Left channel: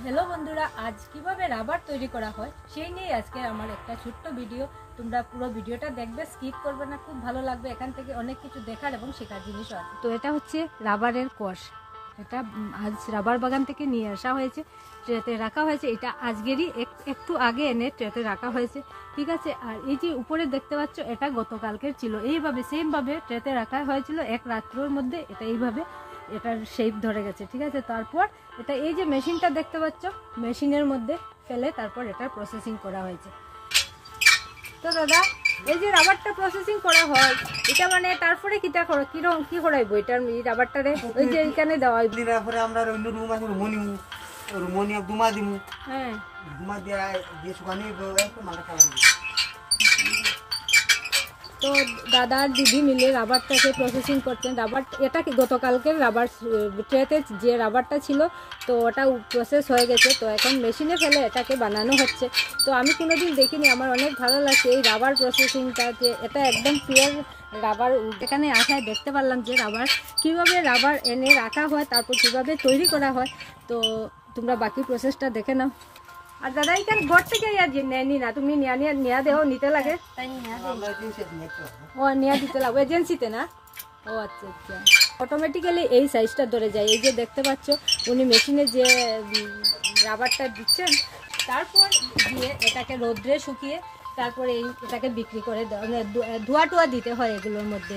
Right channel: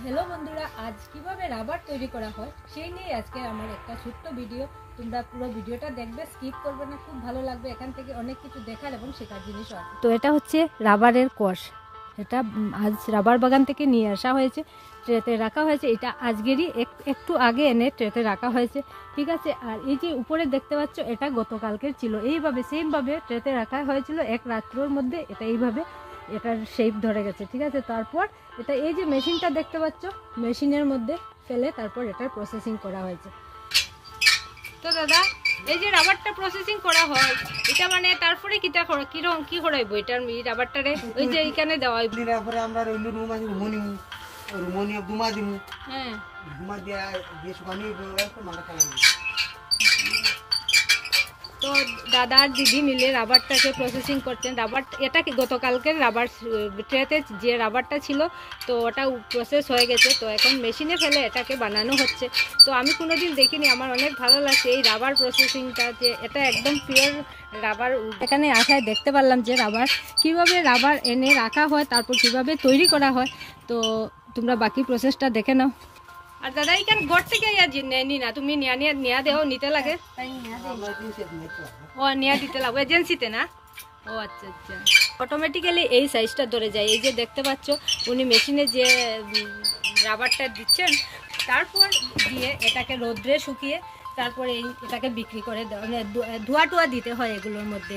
Hello বন্ধুরা, আজ কিভাবে রাবার তৈরি করা হয় সেই নিয়ে আজকে আমার একটা ছোট্ট ভিডিও। তোমরা পুরো ভিডিওটা দেখবে, স্কিপ করবে না, খুব ভালো লাগবে। এখান থেকে অনেক কিছু দেখার এবং শেখার জিনিসও আছে। তো এটা হচ্ছে রাবারের কষ। এটা আজ রাবার বাগান থেকে নিয়ে আসা হয়েছে, ট্রেতে রাখা হয়েছে। এটা আজকেরই একটু আগে এনে ট্রেতে রাখা হয়েছে, ঠিক আছে। আর এই যে উপরে দেখতে পাচ্ছ, এটা গতকালকের ছিল। এইভাবে সেমভাবে ট্রেতে রাখা হয়েছিল এক রাত্রের মধ্যে। এটা এইভাবে এটার শেপ ধরে গেছে, ঠিক আছে। তারপর এটা এই যে মেশিনটা দেখতে পাচ্ছ, মেশিনের মধ্যে ফেলে তারপর এটার প্রসেসিং করা হয়েছে। তো দাদা, এই যে রাবারটা প্রসেসিং করা হয়, এটা মানে তারপরে কি করাইবো এটার রাবারটারে? ওই যে এখানে দেওয়া হইব, তারপরে আমরা অন্য রুম আছে, রুমনি দুমা দিমু। হ্যাঁ, দুমা দিয়ে শুকানি মাথা খাওয়ানি। তো দাদা আর দিদি মিলে রাবারটাকে প্রসেসিং করতেন। রাবার এটা কি গতকালকের রাবার ট্রেতে যে রাবারটা ছিল, তো ওটা প্রসেস হয়ে গেছে। তো এখন মেশিনে ফেলে এটাকে বানানো হচ্ছে। তো আমি কোনোদিন দেখিনি, আমার অনেক ভালো লাগছে এই রাবার প্রসেসিংটা, যে এটা একদম পিওর রাবার। এখানে আসায় দেখতে পারলাম যে কীভাবে রাবার এনে রাখা হয়, তারপর কীভাবে তৈরি করা হয়। তো তোমরা বাকি প্রসেসটা দেখে নাও। আর দাদা এখানে ঘর থেকে নেয়নি না, তুমি নিয়া দেও, নিতে লাগে? ও নিয়া দিতে লাগবে এজেন্সিতে না? ও আচ্ছা আচ্ছা। অটোমেটিক্যালি এই সাইজটা ধরে যায়। এই যে দেখতে পাচ্ছ, উনি মেশিনে যে রাবারটা দিচ্ছেন, তারপর দিয়ে এটাকে রোদ্রে শুকিয়ে তারপরে এটাকে বিক্রি করে ধোয়া টোয়া দিতে হয় এগুলোর মধ্যে।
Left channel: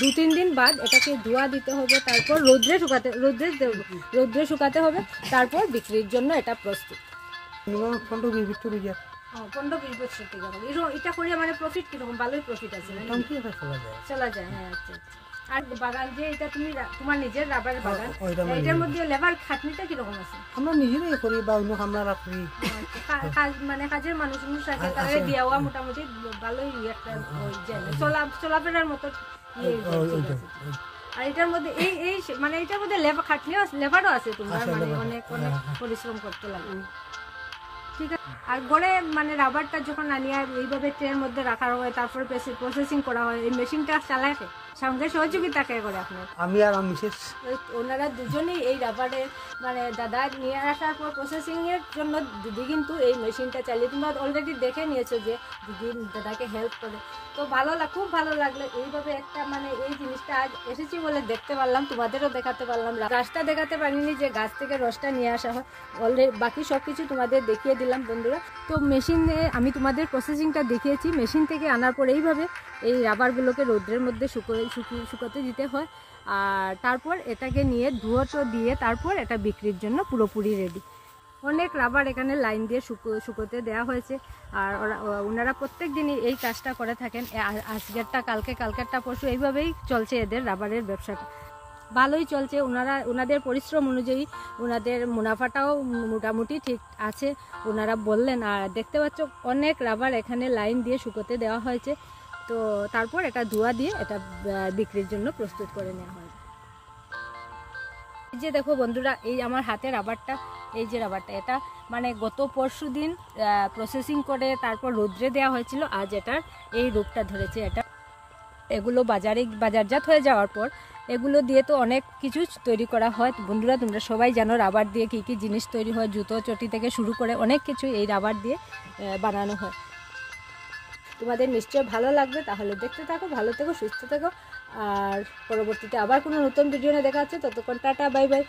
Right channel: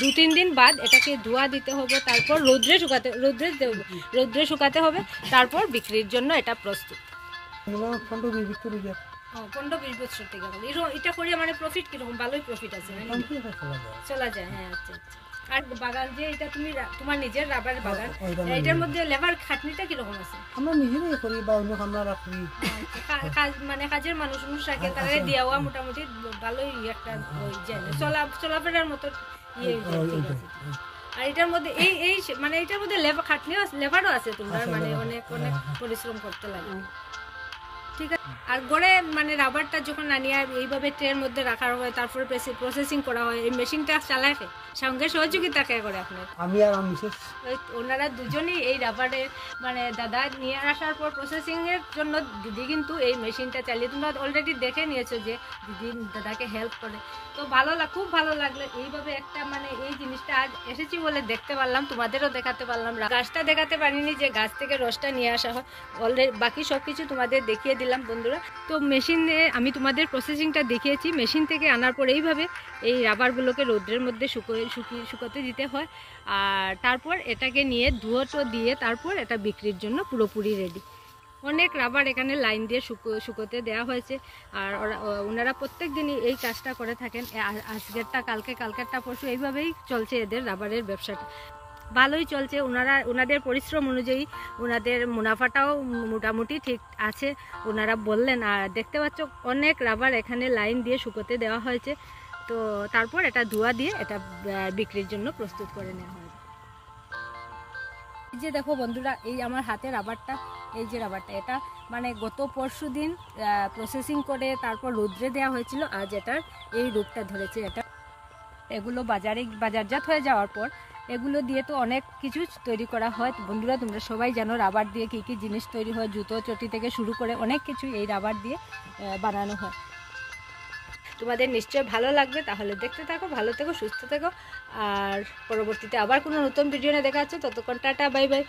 2-3 দিন বাদ এটাকে ধোয়া দিতে হবে, তারপর রোদ্রে শুকাতে হবে, তারপর বিক্রির জন্য এটা প্রস্তুত। 15-20 বছর থেকে এটা করে মানে প্রফিট কিরকম? ভালোই প্রফিট আছে, চলা যায়। হ্যাঁ, আচ্ছা আচ্ছা। আর বাগান যে এটা তুমি তোমার নিজের রাবার বাগান, এটার মধ্যে লেবার খাটনিটা কিরকম আছে? আমরা নিজেরাই করি বা অন্য আমরা রাখি, মানে কাজের মানুষ থাকে, তারা দেওয়া মোটামুটি ভালোই একটা চলাফেরার মতো। আর এটার মধ্যে এই মানে এটার মধ্যে লেবারও আছে, তোমার মানে অনেক অনেক পরিশ্রম করতে লাগে, ঠিক আছে। আর গড়ে মানে রাবারটা যখন আনিয়ে এইভাবে ট্রের মধ্যে রাখা হয়, তারপরে প্রসেসিং করা হয়, এই মেশিনটা চালায় সঙ্গে সহযোগিতা কে করে আপনার? আমি আর মিসেস, ওনারা দুজনেই এই রাবারের মানে দাদা নিয়ে আসার পর প্রসেসিং এর জন্য দিদি কিন্তু এই মেশিনটা চালিয়ে, তোমরা অলরেডি দেখে নিয়েছো যে দিদি দাদাকে হেল্প করে। তো খুব ভালো লাগলো এইভাবে একটা মানে এই জিনিসটা আজ এসেছি বলে দেখতে পারলাম, তোমাদেরও দেখাতে পারলাম। গাছটা দেখাতে পারিনি, যে গাছ থেকে রসটা নিয়ে আসা হয়। অলরেডি বাকি সব কিছু তোমাদের দেখিয়ে দিলাম বন্ধুরা। তো মেশিনে আমি তোমাদের প্রসেসিংটা দেখিয়েছি। মেশিন থেকে আনার পর এইভাবে এই রাবারগুলোকে রোদ্রের মধ্যে শুকাতে দিতে হয়, আর তারপর এটাকে নিয়ে ধুয়োটো দিয়ে তারপর এটা বিক্রির জন্য পুরোপুরি রেডি। অনেক রাবার এখানে লাইন দিয়ে শুকোতে দেওয়া হয়েছে। আর ওনারা প্রত্যেক দিনই এই কাজটা করে থাকেন। আজকেরটা কালকেরটা পরশু, এইভাবেই চলছে এদের রাবারের ব্যবসাটা। ভালোই চলছে। ওনাদের পরিশ্রম অনুযায়ী ওনাদের মুনাফাটাও মোটামুটি ঠিক আছে, ওনারা বললেন। আর দেখতে পাচ্ছ অনেক রাবার এখানে লাইন দিয়ে শুকোতে দেওয়া হয়েছে। তো তারপর এটা ধোয়া দিয়ে এটা বিক্রির জন্য প্রস্তুত করে নেওয়া হয়। এই যে দেখো বন্ধুরা, এই আমার হাতে রাবারটা, এই যে রাবারটা, এটা মানে গত পরশু দিন প্রসেসিং করে তারপর রোদ্রে দেওয়া হয়েছিল। আজ এটার এই রূপটা ধরেছে। এগুলো বাজারজাত হয়ে যাওয়ার পর এগুলো দিয়ে তো অনেক কিছু তৈরি করা হয় বন্ধুরা। তোমরা সবাই জানো রাবার দিয়ে কী কী জিনিস তৈরি হয়, জুতো চটি থেকে শুরু করে অনেক কিছু এই রাবার দিয়ে বানানো হয়। তোমাদের নিশ্চয়ই ভালো লাগবে, তাহলে দেখতে থাকো, ভালো থেকো, সুস্থ থেকো। আর পরবর্তীতে আবার কোনো নতুন ভিডিও নিয়ে দেখা যাচ্ছে। ততক্ষণ টাটা, বাই বাই।